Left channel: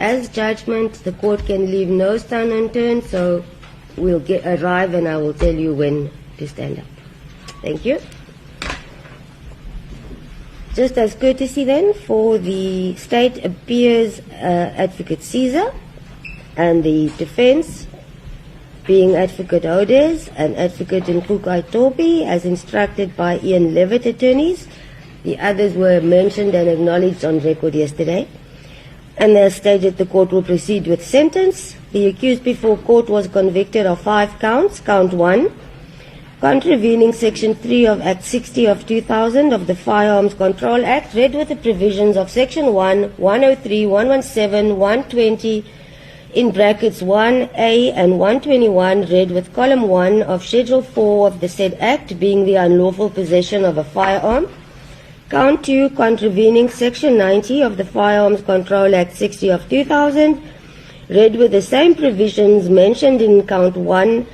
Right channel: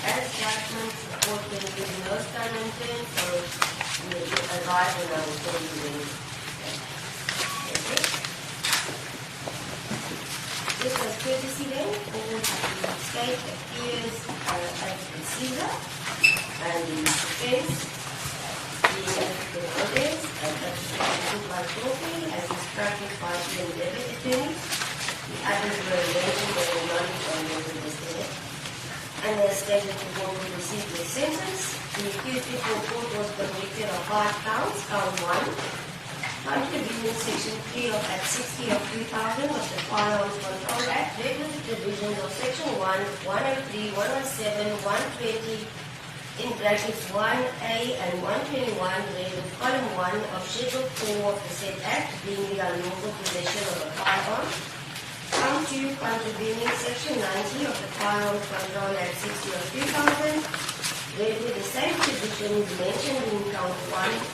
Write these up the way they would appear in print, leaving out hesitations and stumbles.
as judgment. The court can leave no stone unturned, so we'll arrive and I will tell you when to stand up. Thank you. Just as courtesy then, for the state appears Advocate Caesar and the defense being Advocate Odes and Advocate Nkukai Topi as instructed by Ian Levitt attorneys. The others were mentioned and acknowledged on record yesterday. And as stated, the court will proceed with sentence. The accused before court was convicted of 5 counts. Count 1, contravening Section 3 of Act 60 of 2000 of the Firearms Control Act, read with the provisions of Section 1, 103, 117, 120, in brackets 1A and 121, read with column 1 of Schedule 4 of the said Act, being the unlawful possession of a firearm. Count 2, contravening Section 90 of the Firearms Control Act 60 of 2000, read with the same provisions mentioned in Count 1,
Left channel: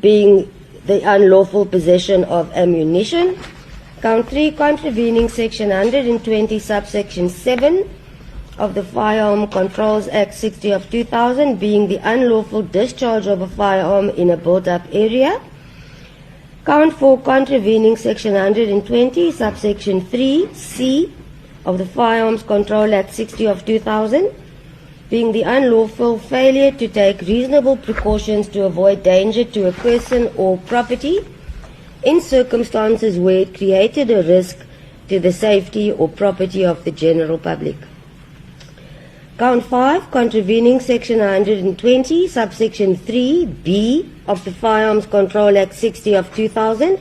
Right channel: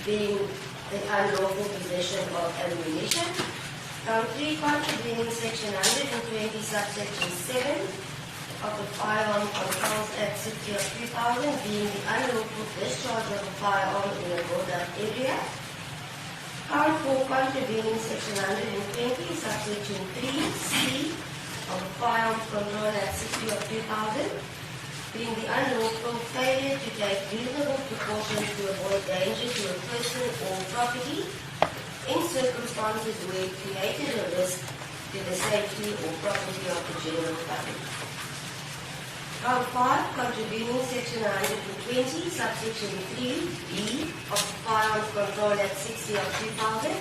being the unlawful possession of ammunition. Count 3, contravening Section 120, subsection 7 of the Firearm Controls Act 60 of 2000, being the unlawful discharge of a firearm in a built-up area. Count 4, contravening Section 120, subsection 3C of the Firearms Control Act 60 of 2000, being the unlawful failure to take reasonable precautions to avoid danger to a person or property in circumstances where it created a risk to the safety or property of the general public. Count 5, contravening Section 120, subsection 3B of the Firearms Control Act 60 of 2000,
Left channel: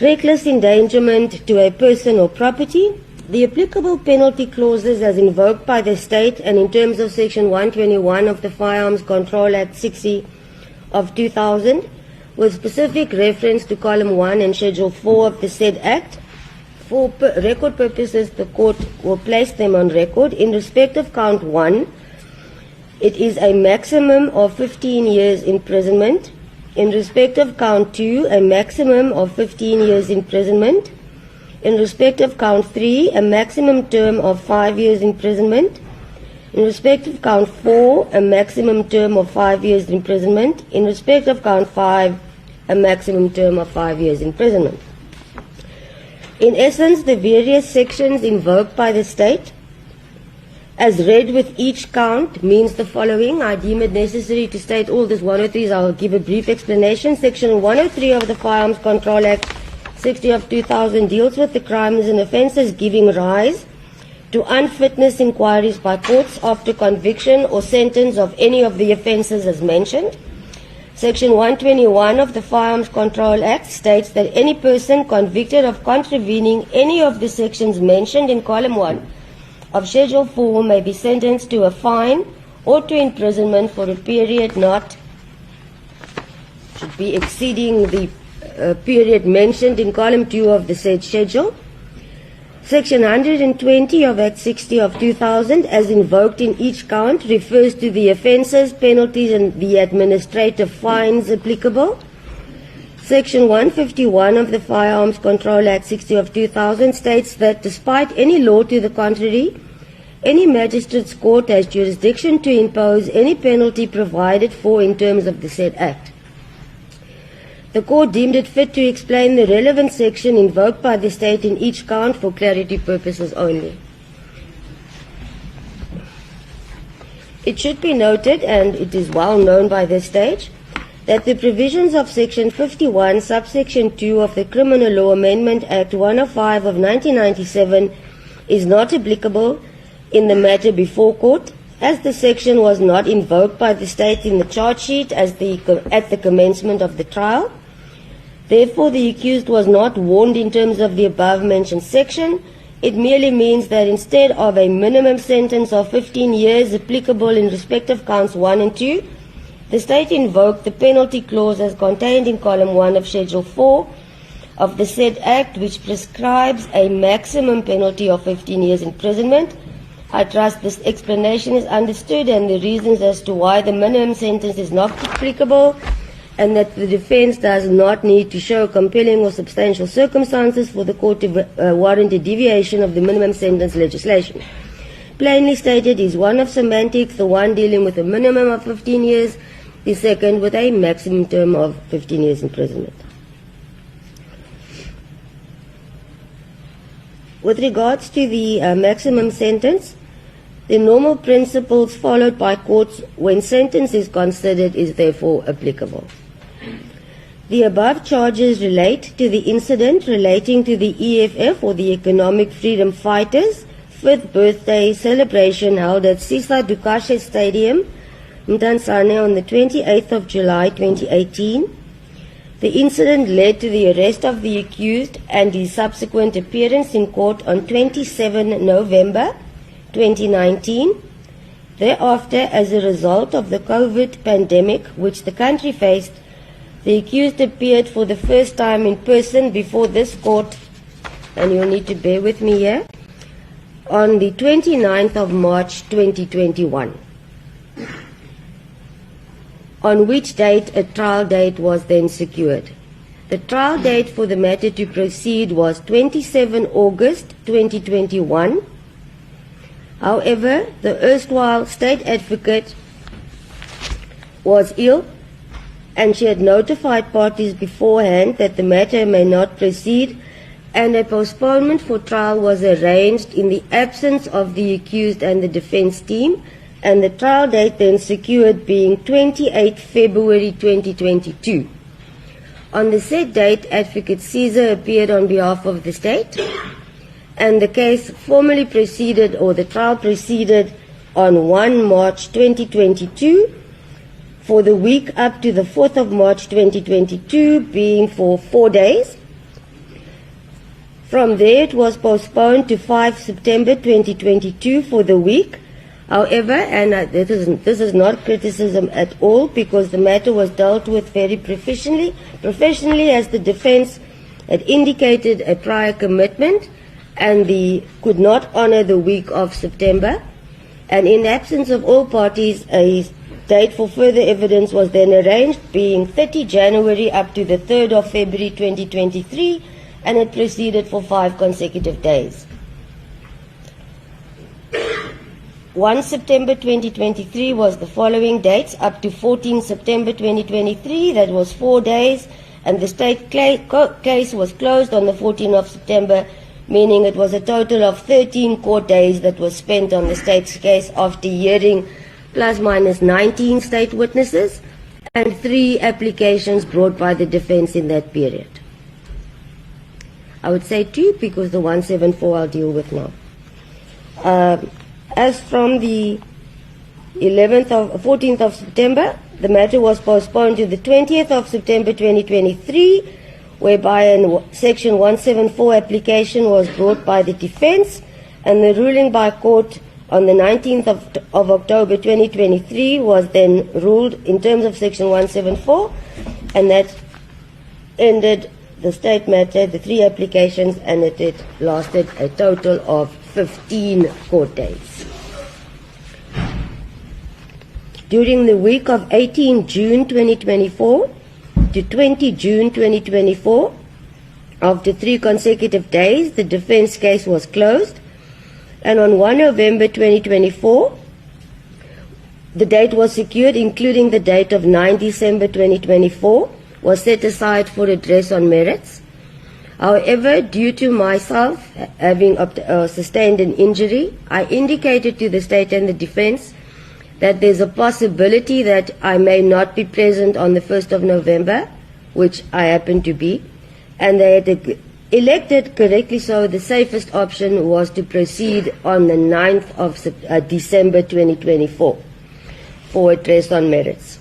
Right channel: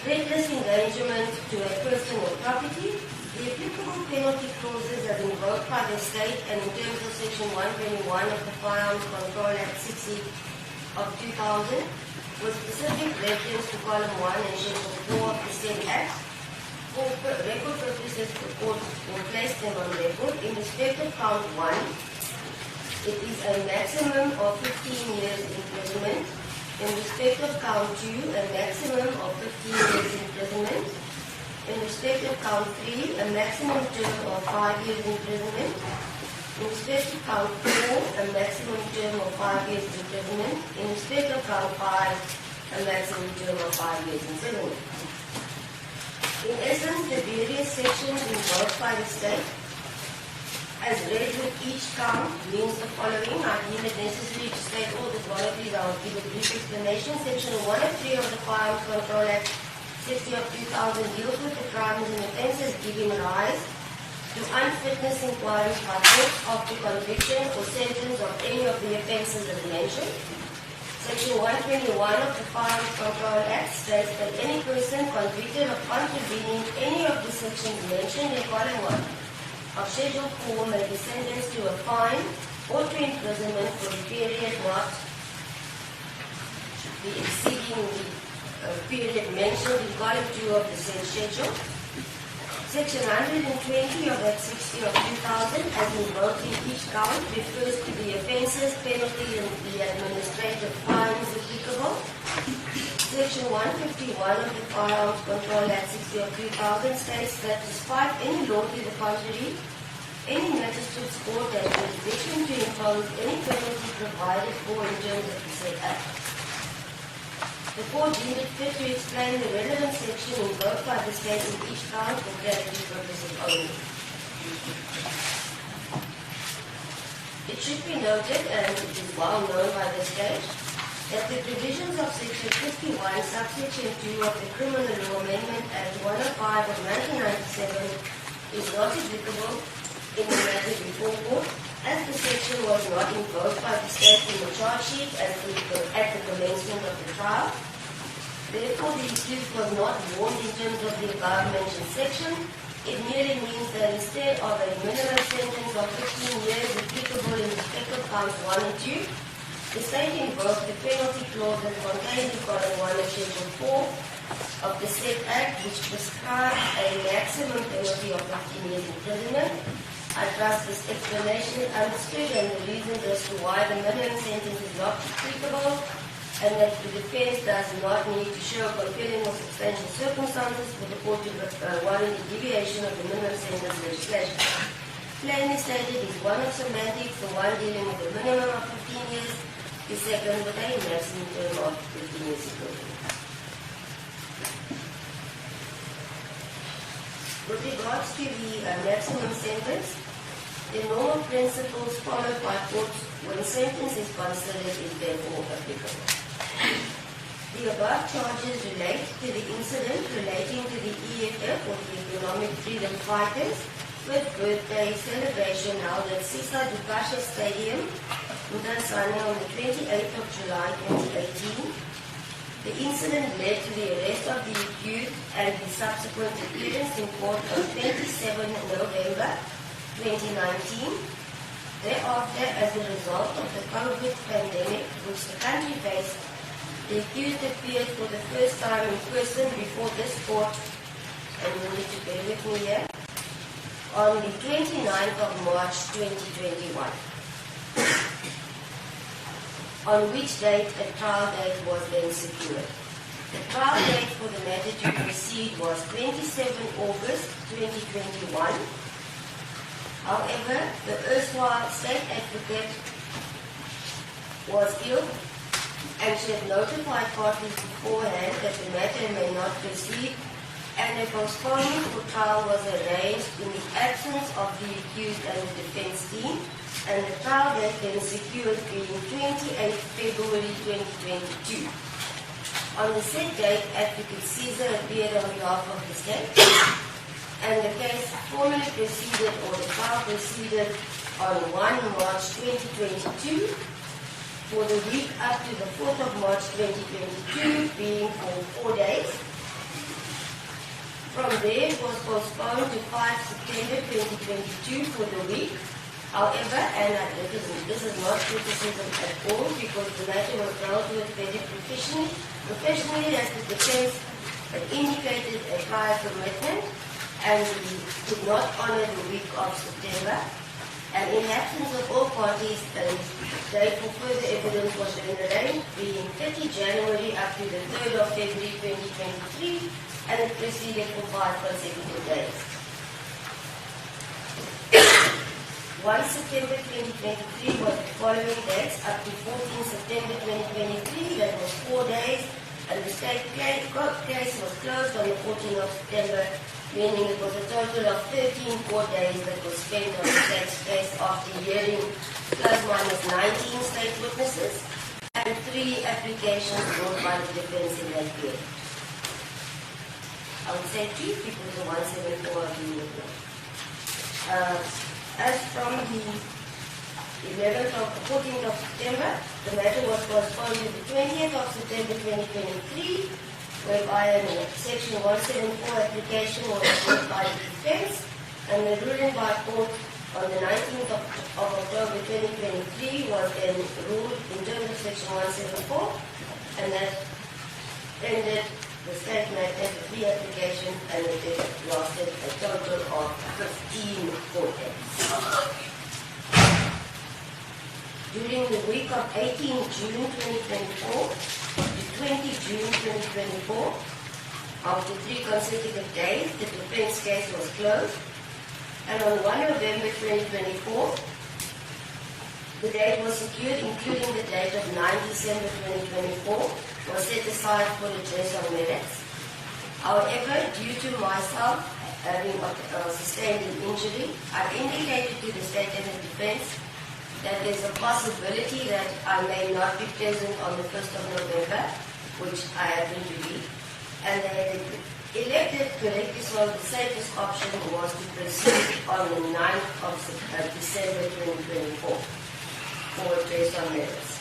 reckless endangerment to a person or property. The applicable penalty clauses as invoked by the state and in terms of Section 121 of the Firearms Control Act 60 of 2000, with specific reference to column 1 and Schedule 4 of the said Act. For record purposes, the court will place them on record. In respect of count 1, it is a maximum of 15 years imprisonment. In respect of count 2, a maximum of 15 years imprisonment. In respect of count 3, a maximum term of 5 years imprisonment. In respect of count 4, a maximum term of 5 years imprisonment. In respect of count 5, a maximum term of 5 years imprisonment. In essence, the various sections invoked by the state, as read with each count, means the following. I deem it necessary to state all these 103s. I will give a brief explanation. Section 103 of the Firearms Control Act 60 of 2000 deals with the crimes and offences giving rise to unfitness inquiries by courts after conviction or sentence of any of the offences as mentioned. Section 121 of the Firearms Control Act states that any person convicted of contravening any of the sections mentioned in column 1 of Schedule 4 may be sentenced to a fine or to imprisonment for a period not should be exceeding the period mentioned in column 2 of the said schedule. Section 120 of Act 60 of 2000, as invoked in each count, refers to the offences, penalties, and the administrative fines applicable. Section 151 of the Firearms Control Act 60 of 2000 states that despite any law to the contrary, any magistrate's court has jurisdiction to impose any penalty provided for in terms of the said Act. The court deemed it fit to explain the relevant section invoked by the state in each count for clarity purposes only. It should be noted, and it is well known by this stage, that the provisions of Section 51, subsection 2 of the Criminal Law Amendment Act 105 of 1997 is not applicable in the matter before court, as the section was not invoked by the state in the charge sheet at the commencement of the trial. Therefore, the accused was not warned in terms of the above-mentioned section. It merely means that instead of a minimum sentence of 15 years applicable in respect of counts 1 and 2, the state invoked the penalty clause as contained in column 1 of Schedule 4 of the said Act, which prescribes a maximum penalty of 15 years imprisonment. I trust this explanation is understood and the reasons as to why the minimum sentence is not applicable, and that the defense does not need to show compelling or substantial circumstances for the court to warrant a deviation of the minimum sentence legislation. plainly stated is one of semantics, the one dealing with a minimum of 15 years, the second with a maximum term of 15 years imprisonment. With regards to the maximum sentence, the normal principles followed by courts when sentence is considered is therefore applicable. The above charges relate to the incident relating to the EFF, or the Economic Freedom Fighters' 5th birthday celebration held at Sisa Dukashe Stadium in Tanzania on the 28th of July 2018. The incident led to the arrest of the accused and his subsequent appearance in court on 27 November 2019. Thereafter, as a result of the COVID pandemic which the country faced, the accused appeared for the first time in person before this court, and you'll need to bear with me here, on the 29th of March 2021. On which date a trial date was then secured. The trial date for the matter to proceed was 27 August 2021. However, the erstwhile state advocate was ill, and she had notified parties beforehand that the matter may not proceed, and a postponement for trial was arranged in the absence of the accused and the defense team, and the trial date then secured being 28 February 2022. On the said date, Advocate Caesar appeared on behalf of the state, and the case formally proceeded, or the trial proceeded, on 1 March 2022 for the week up to the 4th of March 2022, being for 4 days. From there it was postponed to 5 September 2022 for the week. However, and this is not criticism at all, because the matter was dealt with very professionally, as the defense had indicated a prior commitment and could not honor the week of September. And in the absence of all parties, a date for further evidence was then arranged, being 30 January up to the 3rd of February 2023, and it proceeded for 5 consecutive days. 1 September 2023 was the following dates up to 14 September 2023, that was 4 days, and the state case was closed on the 14th of September, meaning it was a total of 13 court days that was spent on the state's case after hearing plus minus 19 state witnesses and 3 applications brought by the defense in that period. I would say 2 because the 174 I'll deal with now. As from the 14th of September, the matter was postponed to the 20th of September 2023, whereby a Section 174 application was brought by the defense, and the ruling by court on the 19th of October 2023 was then ruled in terms of Section 174, and that ended the state matter, the 3 applications, and it lasted a total of 15 court days. During the week of 18 June 2024 to 20 June 2024, after 3 consecutive days, the defense case was closed, and on 1 November 2024, the date was secured, including the date of 9 December 2024, was set aside for address on merits. However, due to myself having sustained an injury, I indicated to the state and the defense that there's a possibility that I may not be present on the 1st of November, which I happen to be, and they had elected, correctly so, the safest option was to proceed on the 9th of December 2024 for address on merits.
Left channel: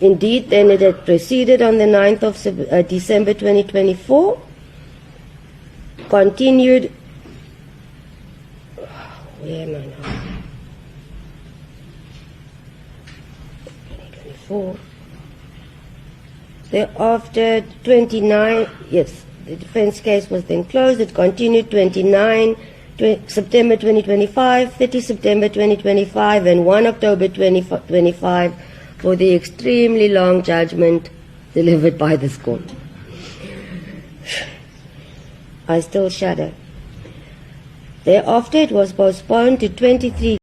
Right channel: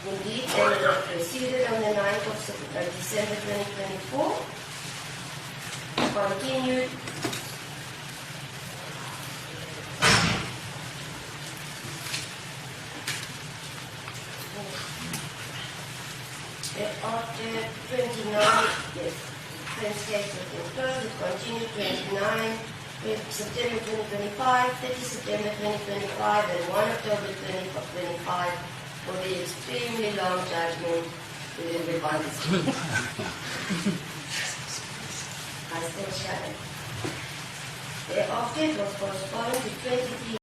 Indeed, then it had proceeded on the 9th of December 2024, continued thereafter 29, yes, the defense case was then closed. It continued 29 September 2025, 30 September 2025, and 1 October 2025 for the extremely long judgment delivered by this court. I still shudder. Thereafter, it was postponed to 23